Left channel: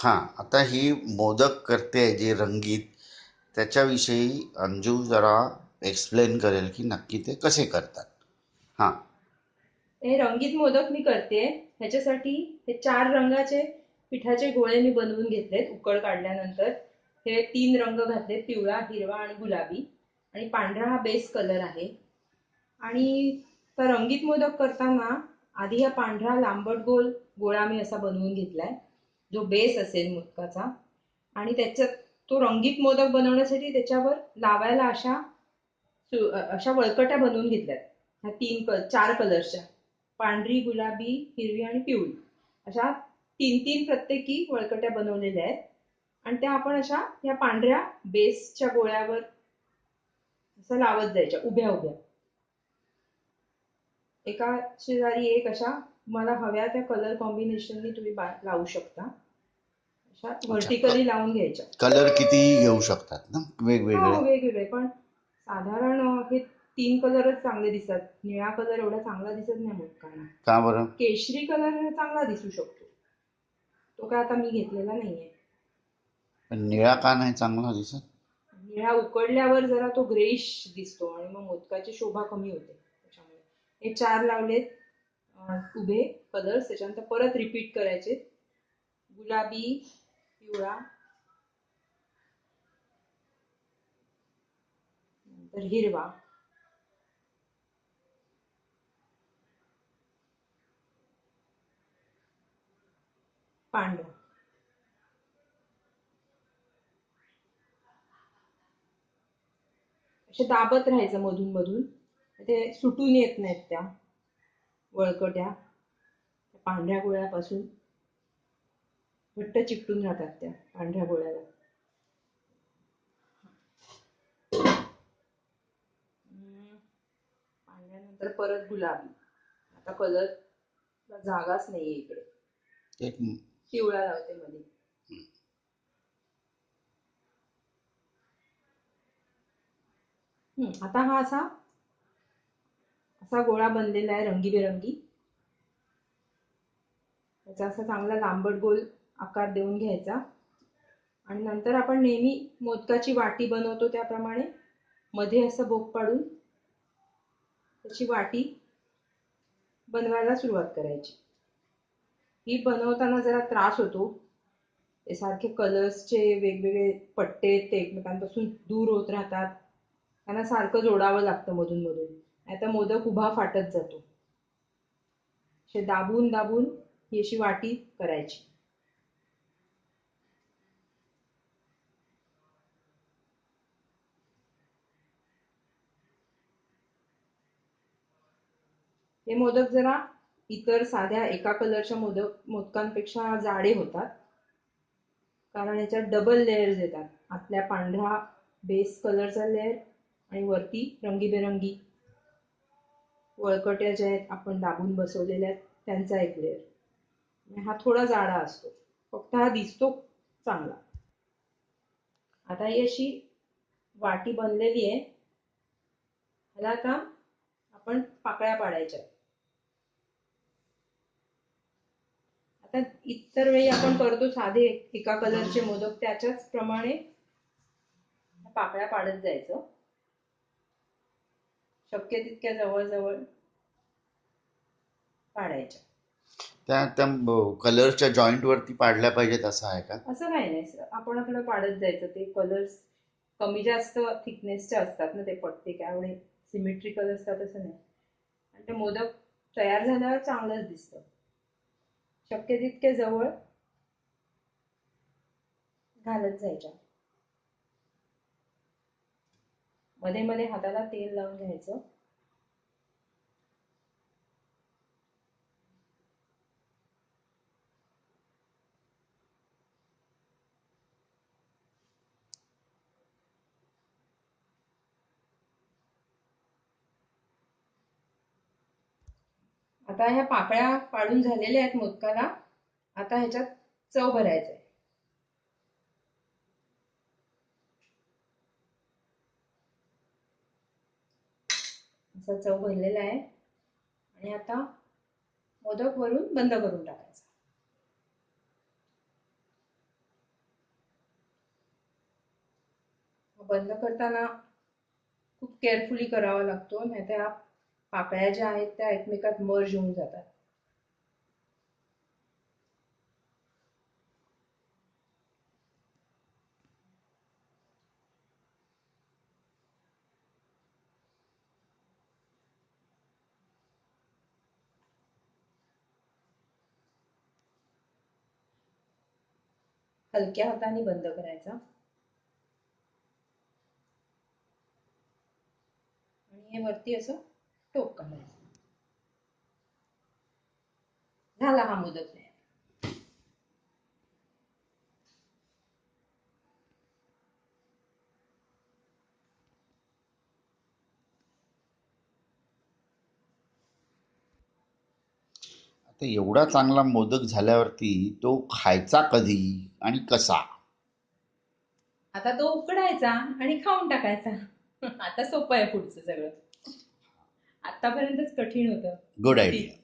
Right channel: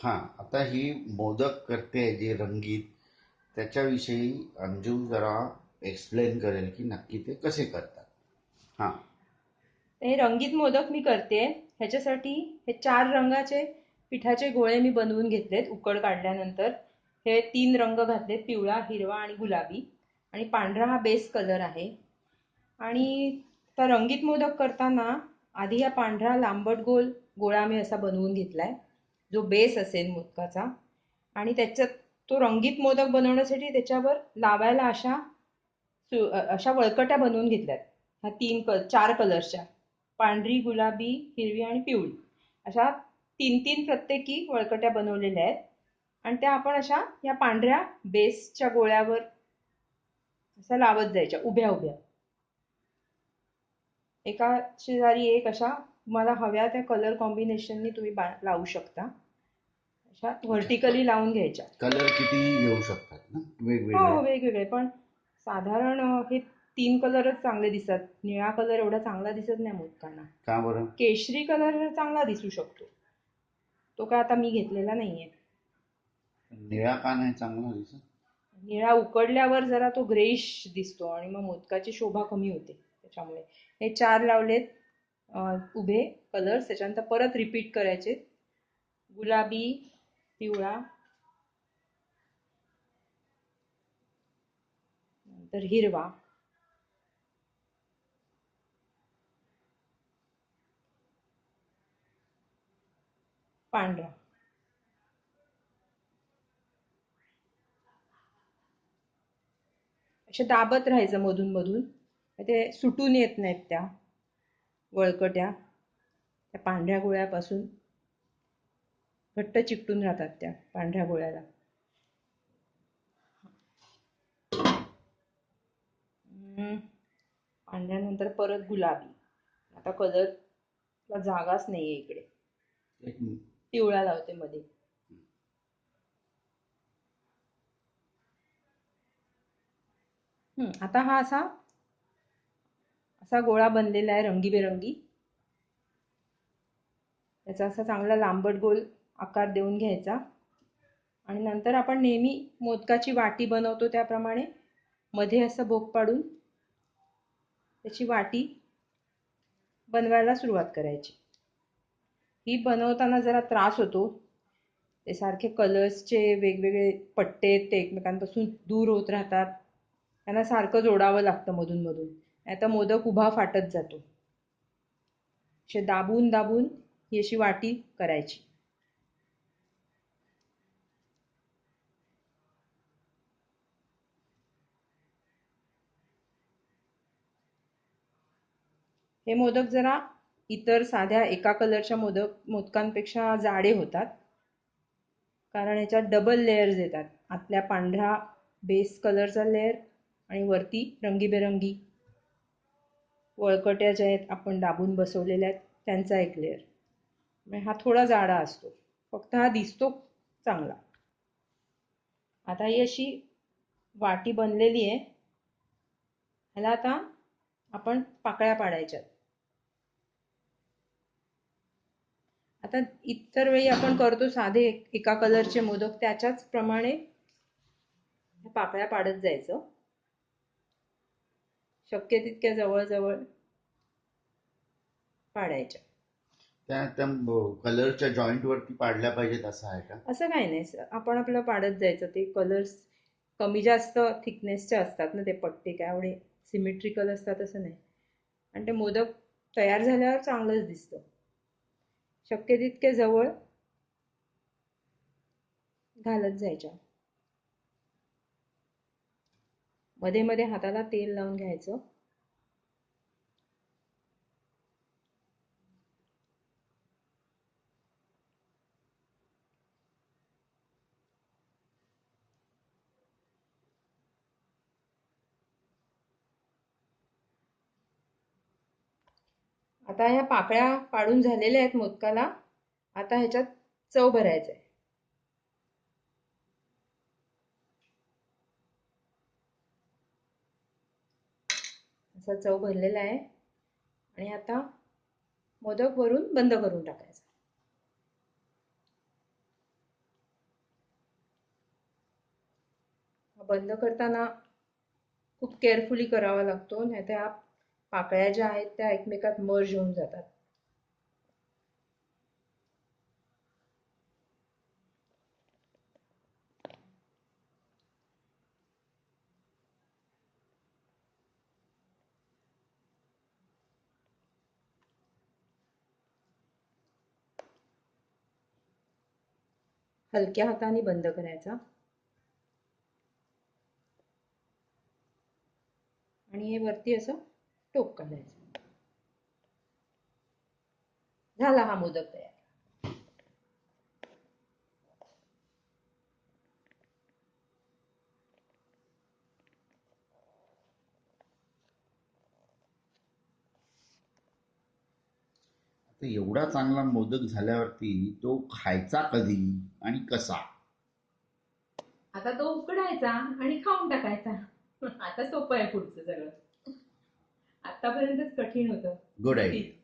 हां, आता ही मोदक करते जी रंगीत, त्याच्याविषयी अंजू जरा एक्सप्लेन करेल की नक्की ते कसे करतात. हां. हे रंगीत मोदक मी करते. ह्याच्यासाठी हे 4 रंगाचे पिठाचे गोळे मी बनवून घेतलेत उकड काढल्यानंतर. हे 3 रंग घातलेत, पिवळा, हिरवा आणि गुलाबी. आणि पांढरा हा बेस कलर आहे. आणि तर रंगीत मोदक करताना आधी हा पांढरा लांबट गोल गोळा मी असा बनवून घेतलाय, जो बेस असेल मोदकाचा. आणि त्याच्यात तो रंगीत मोदक बनवण्यासाठी त्याच्यावर लावायला अशा वळकट्या बनवून घेतल्यात. ह्या 4 कलरच्या, पांढरी, गुलाबी, हिरवी आणि पिवळी, अशा 3-3 प्रत्येकी वळकट्या बनवलेल्या आहेत. आणि त्या आपण अशा या पांढऱ्या बेसच्या गोळ्यावर अशा लावत जायच्या उभ्या उभ्या, एका शेजारी एक, अशा मला हव्या त्या कलर कॉम्बिनेशननी तुम्ही लावू शकता. अशा अच्छा. व्हर्टिकली लावून घ्यायच्या. कलर कितीही घेऊ शकतात ना, हो, वेगवेगळे? वेगवेगळे, पण साधारण हे 3 कलरच चांगले दिसतात. निळा कलर एवढा चांगला दिसत नाही मोदकांना. का बरं? केशरी कलर चांगला दिसू शकतो. तो काय आता मी घेतलेला नाहीये. पण निळा का नाही चांगला दिसत? निळा उकडल्यावर जरा तो ग्रेइश दिसतो आणि मग मोदकाची शोभा कमी होते. त्याच्यामुळे हे 4 लावलेत उभे कलर्स. त्याच्यानंतर परत रिपीट करायचे. गुलाबी, पिवळा, नंतर हिरवा, पांढरा. अशा दाबत राहायचं मधून मधून. ते सुटून येत नाहीत त्या वळकट्या. त्या पांढऱ्या गोळ्यापासून घट्ट चिकटून राहतात त्या पांढऱ्या गोळ्याला. हम्म, पांढऱ्यानंतर परत गुलाबी. आता कलरला जागाच नाहीये इकडे. एक पिवळा लावते मध्ये. आता हा असा असा गोळा बनलेला आहे रंगीबेरंगी. त्याचा असा चांगला लांबट गोल आकार देऊन घ्यायचा. आणि नंतर आपण नेहमी मोदकाची वाटी बनवतो त्याप्रमाणे मध्ये असं भोक पाडून त्याची वाटी बनवायला सुरुवात करायची. ही बनवताना जरा त्रास होतो. ते सारखे कलर्सचे वेगवेगळे पट्टे ते एकमेकांपासून दूर होत राहतात. त्यांना सारखं जोडावं लागतं मधून मधून, नाहीतर मोदक उभा फाटत जातो. असे दाबून दाबून ही अशी वाटी करायची. हे मोदक जरा इतर साध्या एका कलरच्या मोदकांपेक्षा जाडे होतात, कारण याच्यात डबल लेयर्स येतात. आतल्या पांढरा बेस कलरचा लेअर आणि वरती रंगीबेरंगी वळकट्या ज्या आहेत आपण दाबून बसवलेल्या आहेत त्यांचा एक लेअर. हा थोडा जाडा असतो, फक्त हा दिसतो चांगला. आता ही अशी वाटी बनलेली आहे. ह्याला आता आपण पाकळ्या पाडायच्या. आता इतर वेळी आपण करतो साधे एका कलरचे मोदक, त्याच्याच प्रमाणे पाकळ्या पाडत जायचं, शक्य तितक्या जवळ जवळ पाडायच्या. त्या त्या कलरच्या जॉईंट वरती पाडल्या पाहिजेत असं आहे का? असं काही नाही, आपण आपलं पाडत जायचं. ते कलर्स कमी जास्त थिकनेसचे असतात ना ते पट्टे, काय एवढे सिमेट्रिकल असतात असं नाही. आणि ते मोदक तयार झाल्यावर चांगलंच दिसतं. शक्य तितक्या जवळ घालत जायच्या. मध्ये मध्ये हाताला तेल लावून घ्यायचं. आता ह्या पाकळ्या पाडून झालेल्या आहेत मोदकाला. आता ह्याच्यात चव भरायचं आहे. असा चव भरलेला आहे. आणि आता मोदक वरून बंद करून टाकायचा. बंद करताना खूप केअरफुली करावा लागतो, नाहीतर ह्या पाकळ्या ज्या आहेत त्या एकमेकात मर्ज होऊन जातात. हलक्या हाताने बंद करायचा आणि हे वरती असं टोक काढायचं. झाला हा मोदक तयार. आता एवढा चांगला मोदक झाल्यावरती तो खायचा कधी आणि कसा? आता तो उकडायचा आणि खाऊन टाकायचा. आता सोपं आहे पुढचं सगळं. आतापर्यंतच कठीण होतं. गुड ठीक. आयडिया.